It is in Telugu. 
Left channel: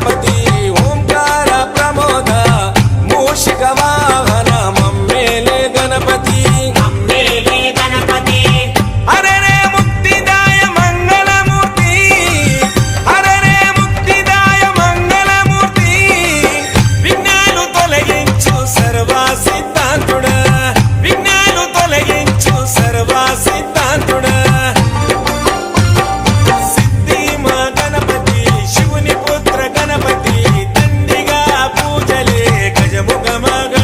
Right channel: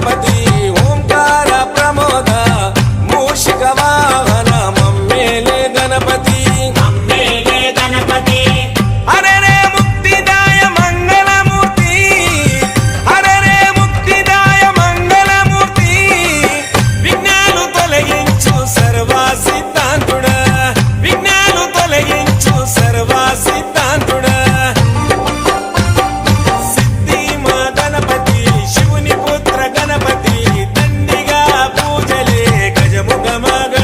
గణపతి ఓంకార ప్రమోద మూషిక వాహన మమ్మేలే గణపతి హరే రే ముక్తిదాయ మంగళమూర్తి హరే రే ముక్తిదాయ మంగళమూర్తి విఘ్నాలు తొలగించు సర్వ సిద్ధాంతుడా విఘ్నాలు తొలగించు సర్వ సిద్ధాంతుడా సిద్ధి మా గణపతి శివుని పుత్ర గణపతి దండిగా పూజలే గజముఖ మగ